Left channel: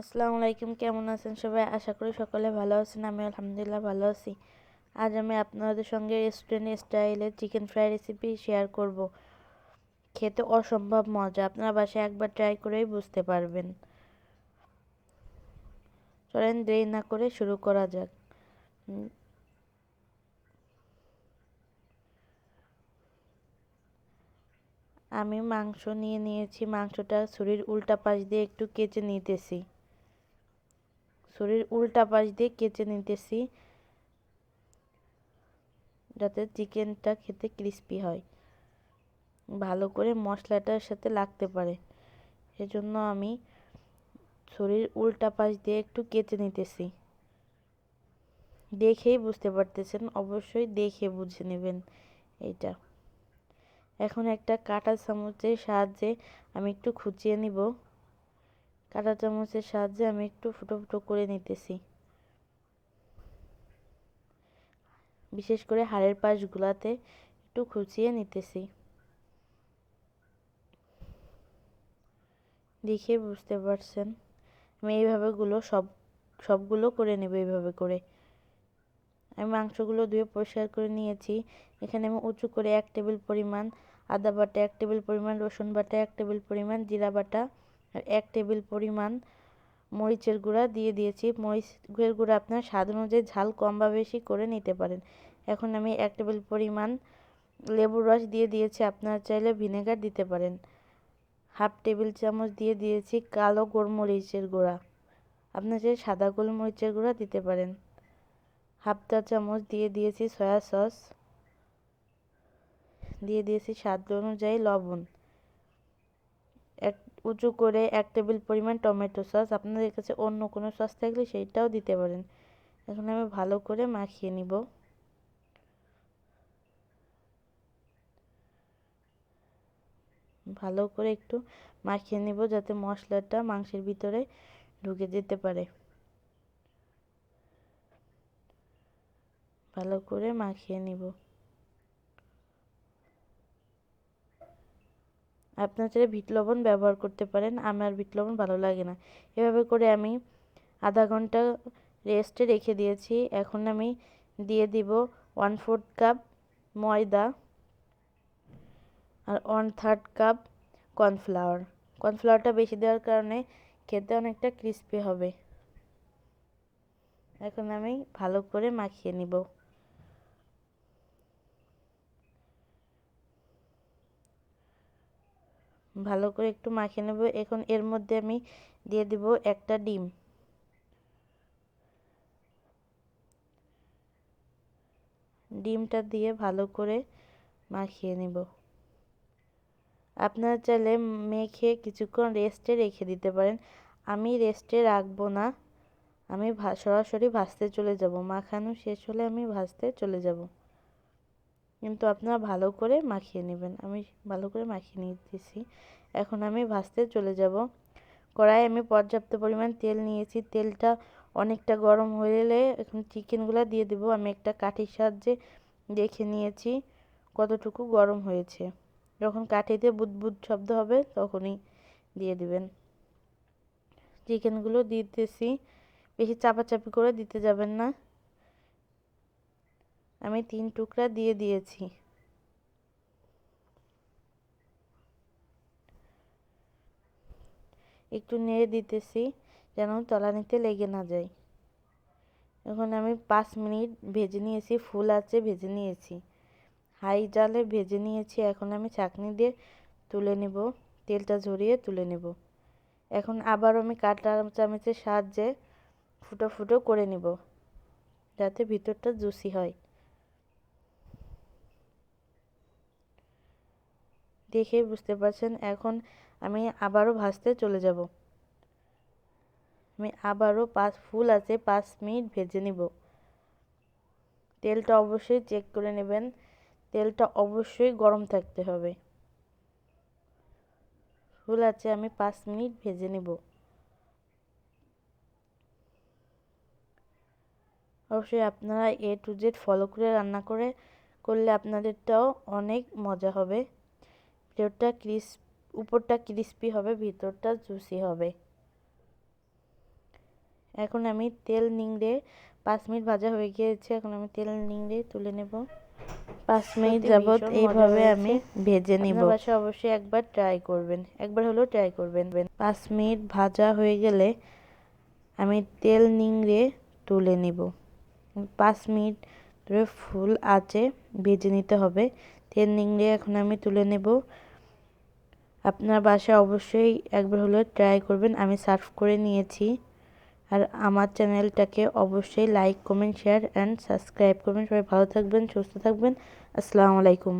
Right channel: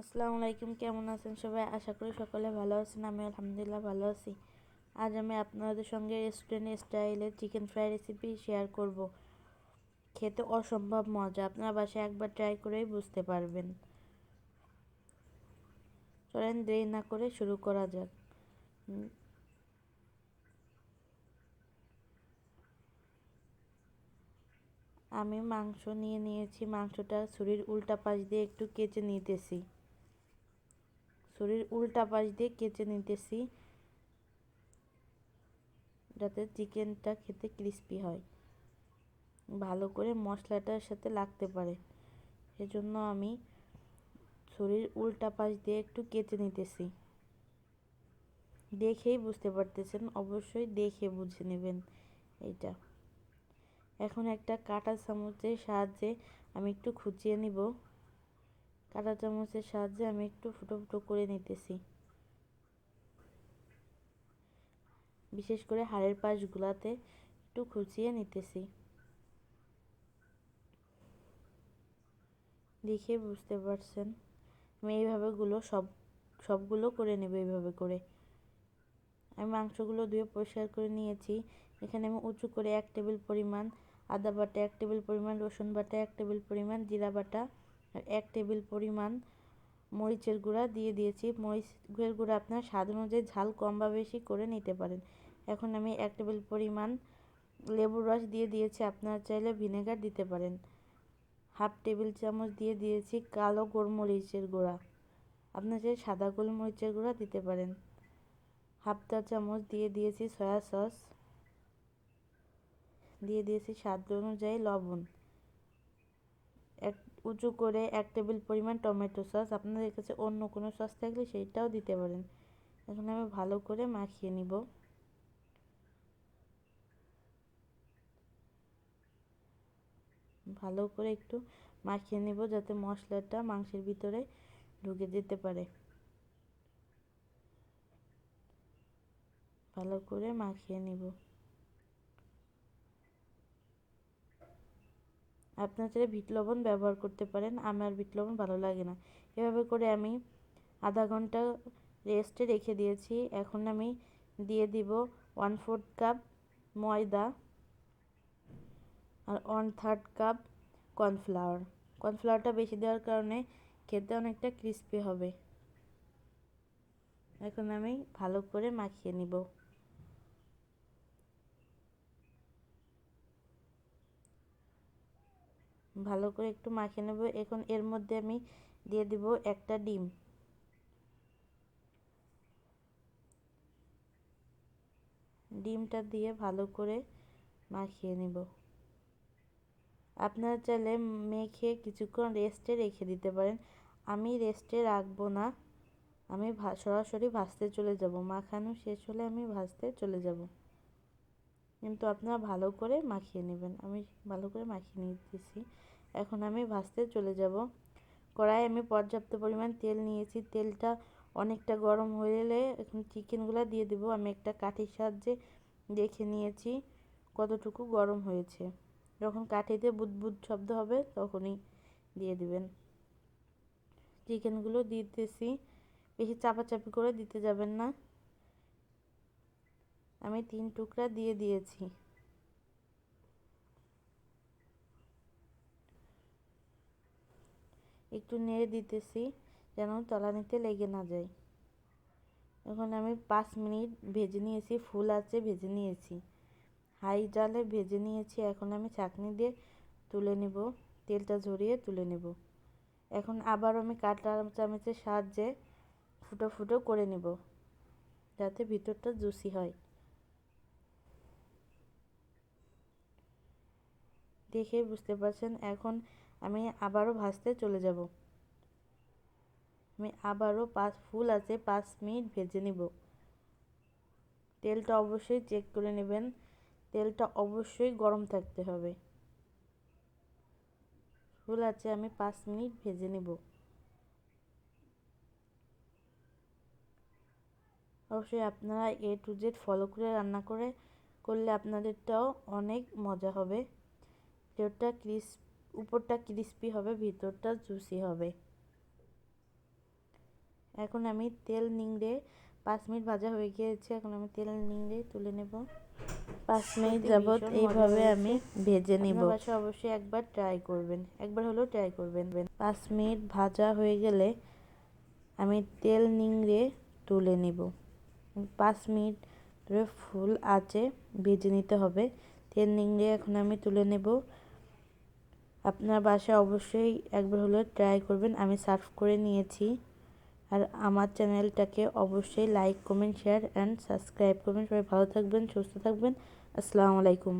আসসালামু আলাইকুম, কেমন আছেন সবাই? আশা করি সকলে ভালো আছেন। আমি আলহামদুলিল্লাহ ভালো আছি। আজ আমি আপনাদের সঙ্গে রেস্টুরেন্ট স্টাইলের চিকেন ফ্রাই রেসিপি শেয়ার করব। খেতে অসম্ভব মজা, আপনারা বাসায় একবার ট্রাই করেই বুঝতে পারবেন। চলেন দেরি না করে শুরু করা যাক। আমি মাংস নিয়ে নিয়েছি। মাংসটা ছুরির উল্টা পাশ দিয়ে একটু কেচে নিতেছি। যাতে চিকেনটা খেতে ক্রিস্পি হয়, ভালো করে মশলাটার সাথে লাগতে পারে। সেজন্য আমি ছুরির উল্টা পাশ দিয়ে একটু কেচে নিতেছি। দেখেই বুঝতে পারতেছেন, অবশ্যই দেখে বুঝে নেবেন এইটা। এখন একটা কাঁটা চামচের সাহায্যে আমি একটু খুঁচিয়ে নিব। কাঁটা চামচের সাহায্যে আমি একটু ফুটো ফুটো করে নিতেছি, বিশেষ করে হাড়ের পাশগুলাতে একটু খুঁচিয়ে নিতেছি। দেখে বুঝতে পারছেন, আমি এইভাবে সবগুলো করে নেব। এইভাবে করে আমি মাংসগুলো ধুয়ে পরিষ্কার করে নিয়েছি। এখানে আমি উঁচু করে 1 টেবিল পরিমাণ আদা বাটা, 1 টেবিল পরিমাণ রসুন বাটা, 1 টেবিল পরিমাণ জিরা বাটা আর 1 টেবিল পরিমাণ মরিচের গুঁড়া দিয়ে দিয়েছি। মরিচের গুঁড়া আপনার স্বাদ অনুযায়ী ঝাল কম বা বেশি করে নিতে পারেন। এখন আমি 1 টেবিল পরিমাণ লেবুর রস দিয়ে দিয়েছি, আপনারা চাইলে ভিনেগার দিতে পারেন। হাফ টেবিল চামচ দিয়ে দিয়েছি কালো গোলমরিচের গুঁড়া, আপনারা চাইলে সাদা গোলমরিচের গুঁড়া দিতে পারেন। হাফ চা চামচ দিয়ে দিয়েছি সয়া সস, দিয়ে দিয়েছি স্বাদ অনুযায়ী লবণ। এক উঁচু করে 1 টেবিল পরিমাণ টমেটো সস, আপনাদের কাছে অন্য কোনো সস থাকলে সেইটাও দিতে পারেন। এখন আমি ভালো করে মাখিয়ে নিব। ভালো করে একটু মাখিয়ে নিব যাতে মশলাটা মাংসের ভিতরে ঢুকে যেতে পারে। ভালো করে মাখিয়ে নিব। আপনারা চাইলে বিট লবণ ব্যবহার করতে পারেন, আমার বিট লবণ ভালো লাগে না। এভাবে করে আমি আধা ঘন্টা রেস্টে রেখে দিয়েছি। এখন আমি দিয়ে দিব 1/4 কাপ ময়দা আর 1/3 কাপ কর্নফ্লাওয়ার। কর্নফ্লাওয়ারটা বেশি দেওয়ার কারণে খেতে অনেকটা ক্রিস্পি হবে। এখন আমি ভালো করে মাখিয়ে নিব। ভালো করে একটু মাখিয়ে নেব। এখন এর মধ্যে আমি দিয়ে দিব একটা ডিম। ডিমটা দিয়ে ভালো করে মাখিয়ে নিব। আপনারা চাইলে মেখে কিছুক্ষণ রেস্টে রেখে দিতে পারেন। আমি রেস্টে রাখবো না, আমি সরাসরি ভাজতে চলে যাব। মাখানো শেষ হলে আমি ভাজতে চলে যাব। কিন্তু আপনারা ভালো করে মাখিয়ে নেবেন। আমি ভালো করে মাখিয়ে নিতেছি। এখন আমি ভাজতে চলে যাব। কড়াইয়ে আমি পর্যাপ্ত পরিমাণ তেল নিয়েছি। তেলটা অনেকটা গরম হয়ে এলে এখন চিকেনগুলো দিয়ে দেব। আমি একটা কাঠির সাহায্যে দেখে নিয়েছি কতটুকু গরম হয়েছে। যখন কাঠিতে বুদবুদ শব্দ হবে তখনই দিয়ে দিবেন। চিকেনগুলো দিতেছি, বেশি চাপাচাপি করে দিতে যাবেন না। আমি 3 টুকরা দিয়ে দিয়েছি। একটু নেড়ে দিতেছি যেন তলানিতে লেগে না যায়। এখন আমি 5 মিনিট ভেজে নিয়েছি, ফুল আঁচে ভেজে নিয়েছি, হাই জালে ভেজে নিয়েছি। এখন আমি ছাঁকনি দিয়ে তুলে নেব, তেলটা ঝরিয়ে তুলে নেব। এখন আবার আমি কাঁটা চামচের সাহায্যে ফুটো ফুটো করে নেব যাতে ভিতরটা জুসি হয়। দেখেই বুঝতে পারছেন। এখন আমি আবারও ভাজতে চলে যাব। আমি আবারও ফুল আছে 5 মিনিট ভেজে নিব। তেলটা অবশ্যই চেক করে নেবেন, তেলটা অবশ্যই গরম থাকতে হবে। ফুল আছে আমি 5 মিনিট ভেজে নেব। অবশ্যই আপনারা A to Z ফলো করে রান্না করলে আপনাদেরটাও অনেক মজা হবে। উপরটা ক্রিস্পি হবে, ভিতরটা জুসি হবে। এখন আমি তেল নিংড়ে 5 মিনিট ভাজা হয়ে গিয়েছে। এখন আমি তেল নিংড়ে তুলে নেব। 5 মিনিট যাবত এইভাবে আমি ভেজে নিব। আপনার বাসায় অবশ্যই একবার ট্রাই করবেন, একবার হলেও ট্রাই করবেন। 5 মিনিট ভাজা হয়ে গেলে আমি তেল নিংড়ে তুলে নিব। 5 মিনিট ধরে ফুল আঁচে ভেজে নিতে হবে। তেল নিংড়ে এখন আমি তুলে নেব। আপনার বাসায় অবশ্যই একবার হলেও ট্রাই করবেন। আমি সার্ভ করে নিয়েছি। আর আমার চ্যানেলটাকে অবশ্যই like, comment, share and subscribe করবেন। সবাই ভালো থাকবেন, সুস্থ থাকবেন। আসসালামু আলাইকুম।